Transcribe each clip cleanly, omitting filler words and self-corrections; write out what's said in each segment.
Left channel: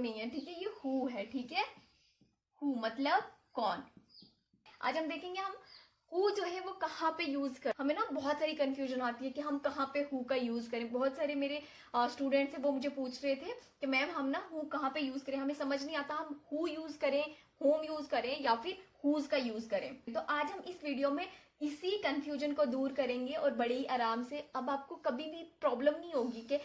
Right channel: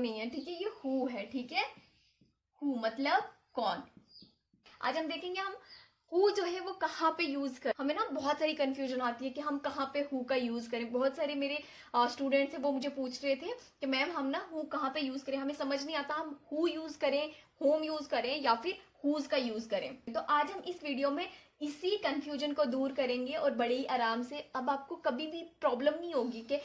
नहीं है, ठीक है, ये हु है, ठीक है। हु मतलब कौन। आज हम देखेंगे हम हु जो है वो कहाँ पे यूज कर, हमें ना बहुत सारी कंफ्यूजन आती है कि हम कहाँ पे हु का यूज करें। बहुत सारे मेरे स्टूडेंट्स है वो मुझे पूछ रहे थे कि मैम हम ना हु कहाँ पे यूज करें, हमें समझ नहीं आता हम हु यूज करें, होम यूज करें या फिर हुज का यूज करें। तो आज हम इस वीडियो में इसी कंफ्यूजन को दूर करेंगे और बड़े ही आराम से अब आपको कभी भी प्रॉब्लम नहीं होगी कि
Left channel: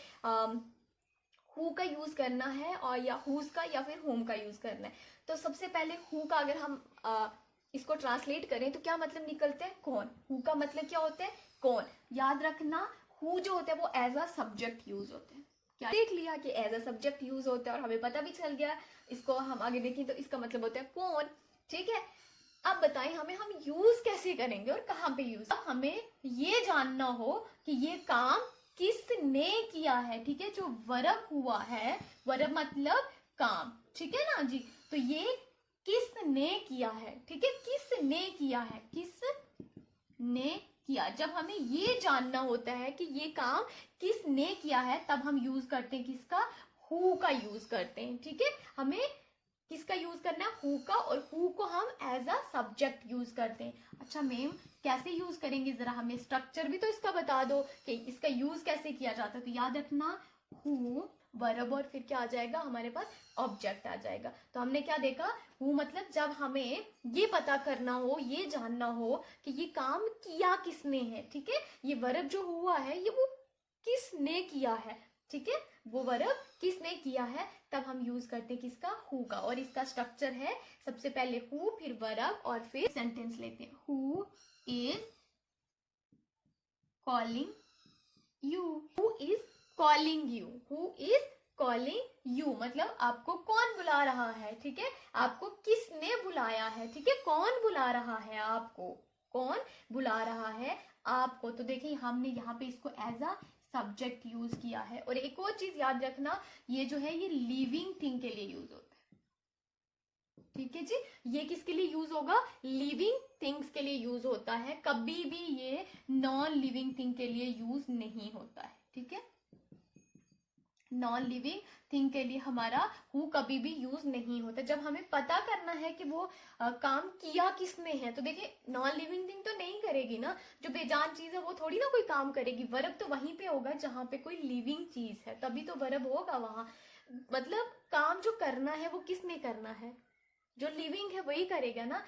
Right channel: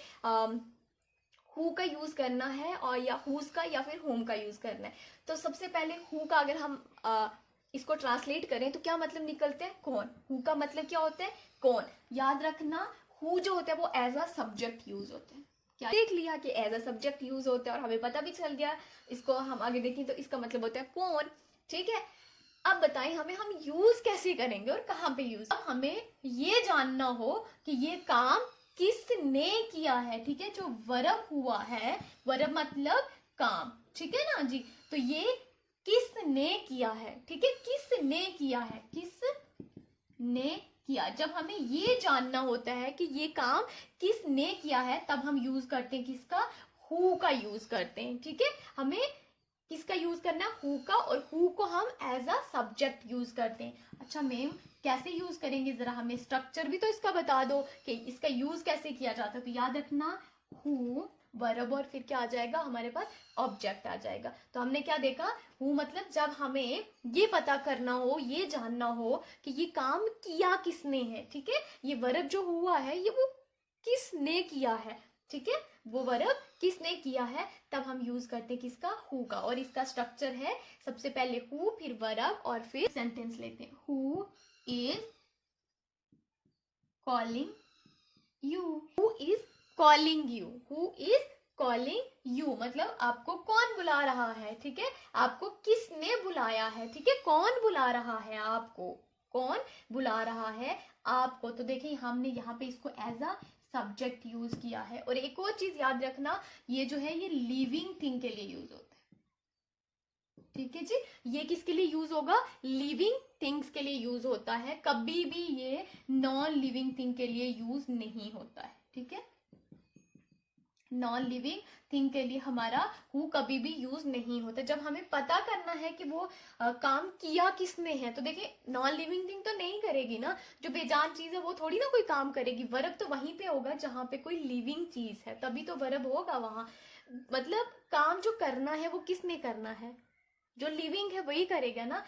हु का यूज करना है और या हुज का या फिर होम का यूज करना है। तो सबसे पहले हु का अगर हम इसको ट्रांसलेट करें तो क्या मतलब निकलते हैं, कौन। हु का मतलब क्या होता है, कौन। याद रखना हु जो होता है वो एज अ सब्जेक्ट यूज होता है। क्या देख लिया कि एज अ सब्जेक्ट यूज होता है और हमें पता भी चल गया। इसको हम आगे देखें तो इसका मतलब होता है कौन, ठीक है। अब बताएं हमें हम यूज कैसे करेंगे और कहाँ पे यूज। अब हमें ये जानना हो कि ये काम किसने किया है, ठीक है। जो वर्ब हुआ है, वर्ब मतलब काम, ठीक है ना जी। तो ये किसने किया है, ठीक है, किसने किया है, किसने किया। जब हमें ये जानना होता है कि ये काम किसने किया है तब हम यूज करते हैं किसका, हु का यूज करते हैं, ठीक है। हमें किसका यूज करना है, हु का, और हु को हम एज अ सब्जेक्ट यूज करते हैं। अच्छा मैम कैसे यूज करेंगे, जरा हमें स्ट्रक्चर भी तो इसका बता दो कि इसका यूज कैसे किया जाता है। तो याद रखना हु वर्ब और फिर क्या आ जाएगा हमारे पास, ऑब्जेक्ट आ जाएगा। तो हमने क्या देखा, हु मतलब जब हमें ये पता करना हो, ये जानना हो कि ये काम किया किसने है, ठीक है। ये वर्ब जो हुआ है ये वो किसने किया है, ठीक है, वो वर्ब किसने किया है, तब हम यूज करते हैं किसका, हु का। और इसका स्ट्रक्चर है सबसे पहले हु, फिर वर्ब और फिर सेंटेंस लेते हैं। Who is calling you, who is calling you, who is calling you मतलब आपको कौन बुला रहा है, ठीक है। आपको किसने बुलाया है, ठीक है, कौन बुला रहा है आपको, कौन बुला रहा है आपको। तो देखिए हमने यहाँ पे इसको एज अ सब्जेक्ट यूज किया है। और एक और चीज याद रखना, ये जो है ये लिविंग थिंग के लिए यूज होता है, ठीक है जी। ये किसके लिए यूज होगा, लिविंग थिंग्स के लिए यूज होता है, कभी भी ये नॉन लिविंग थिंग के लिए यूज नहीं होता है, ठीक है। नॉन लिविंग थिंग के लिए हमारा हु कभी भी यूज नहीं होता। जब हमें पता करना है कि वो काम किया किसने है, तो देखिए नॉन लिविंग थिंग तो नहीं करेगी ना, जो बेजान चीज है वो थोड़ी ना कोई काम करेगी। वर्ब तो वहीं पे होगा जहां पे कोई लिविंग चीज है, तभी तो वर्ब होगा वहां। मतलब काम जो करना है वो किसने करना है, जो लिविंग है वही करेगा ना।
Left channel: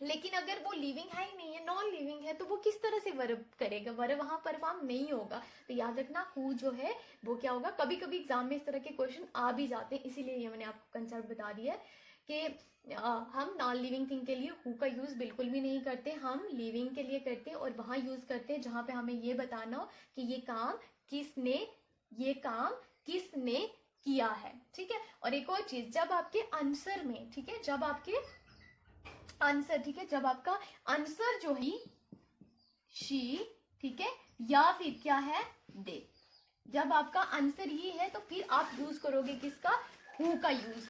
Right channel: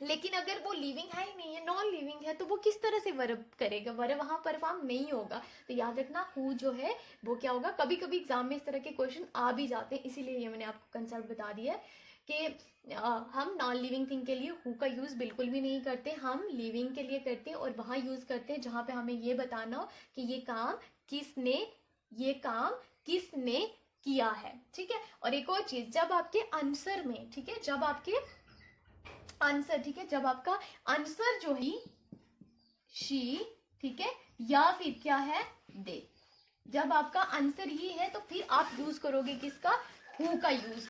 लेकिन अगर वो लिविंग है ही नहीं है, नॉन लिविंग है, तो वो किस तरह से वर्ब करेगा, वर्ब वहां परफॉर्म नहीं होगा। तो याद रखना हु जो है वो क्या होगा। कभी कभी एग्जाम में इस तरह के क्वेश्चन आ भी जाते हैं, इसीलिए ये मैंने आपको कंसेप्ट बता दिया है कि हम नॉन लिविंग थिंग के लिए हु का यूज बिल्कुल भी नहीं करते, हम लिविंग के लिए करते हैं। और वहां यूज करते हैं जहां पे हमें ये बताना हो कि ये काम किसने, ये काम किसने किया है, ठीक है। और एक और चीज, जब आपके आंसर में, ठीक है, जब आपके आंसर, ठीक है, जब आपका आंसर जो है शी, ठीक है, या फिर क्या है दे, जब आपका आंसर ये है तो फिर आप यूज करोगे किसका, हु का यूज